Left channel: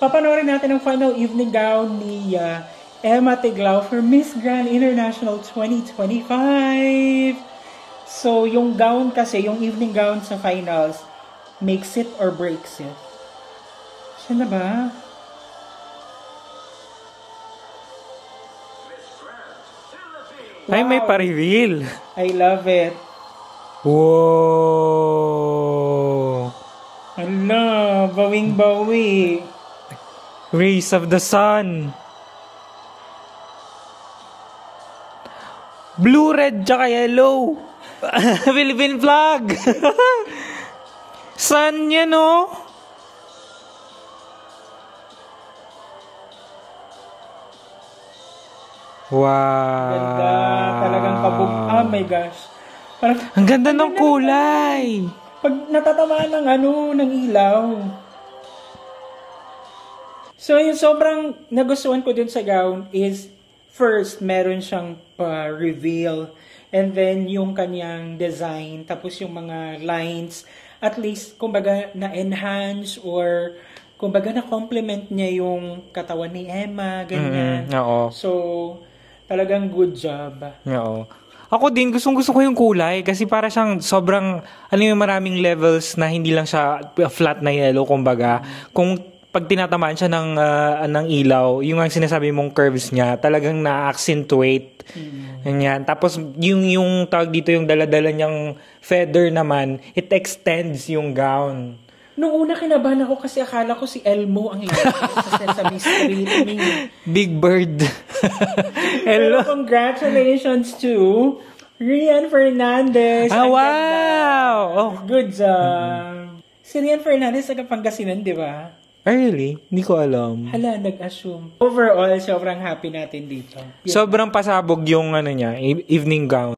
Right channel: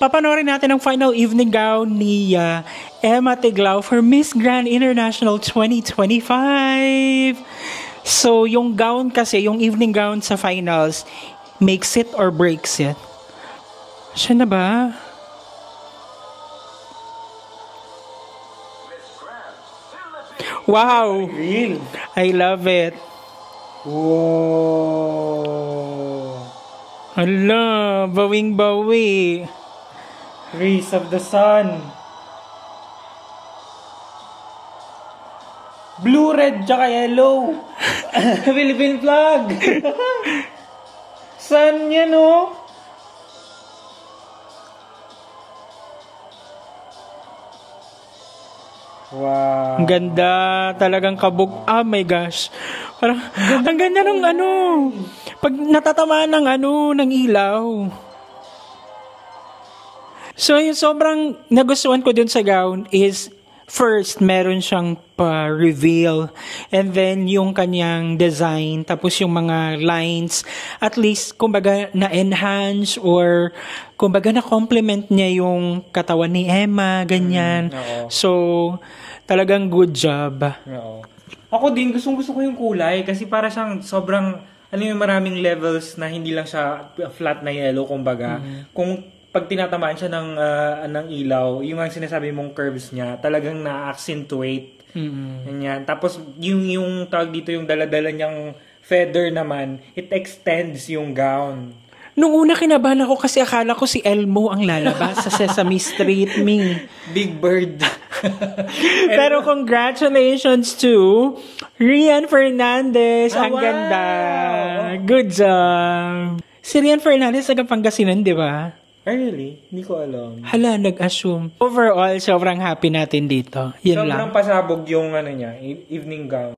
papanoorin natin ang final evening gown ni Emma Tiglao for Miss Grand International 2025. So, yung gown kasi, yung evening gown sa finals, makes it or breaks it. Siya na ba? Wow! Ay, may pa-reveal. I love it. Wow! Hala, bawing-bawi. Rays of the sun. Blue, red, tsaka yellow. Philippine flag. Sun yan, no? Wow. Ang ganda. Talagang kabog. Oh my gosh. Parang, ang ganda ng kulay. Pag natatamaan ng ilaw. So, yung sobrang nagustuhan ko dun sa gown is, first, meron siyang pa-reveal. And then, yung kanyang design. Tapos yung mga lines. At least, kumbaga, na-enhance or kumbaga, na-compliment niya yung katawan ni Emma. Ganyan. So, talagang good job. Oo. Ako din, gustong-gusto ko yung kulay kasi para siyang sobrang, yung maraming levels na hindi lang siya flat na yellow, kumbaga. Kung pag tinatamaan siya ng ilaw, yung ang sinasabi mong curves niya, talagang na-accentuate. Ganyan. Tapos, yung tawag dito, yung daladala niyang feather naman, it extends yung gown. Nung una kinabahan ako kasi akala ko si Elmo ang lalabas sa Sesame Street, Big Bird. Pero congratulations to Rian Fernandez. Ang ganda. Good job. Si Rian Fernandez taga Pangasinan, di ba? Really? Hindi ko alam. Hala, nag-assume. Overall, sobrang happy natin dito. Sobrang pasabog yung niya, evening gown.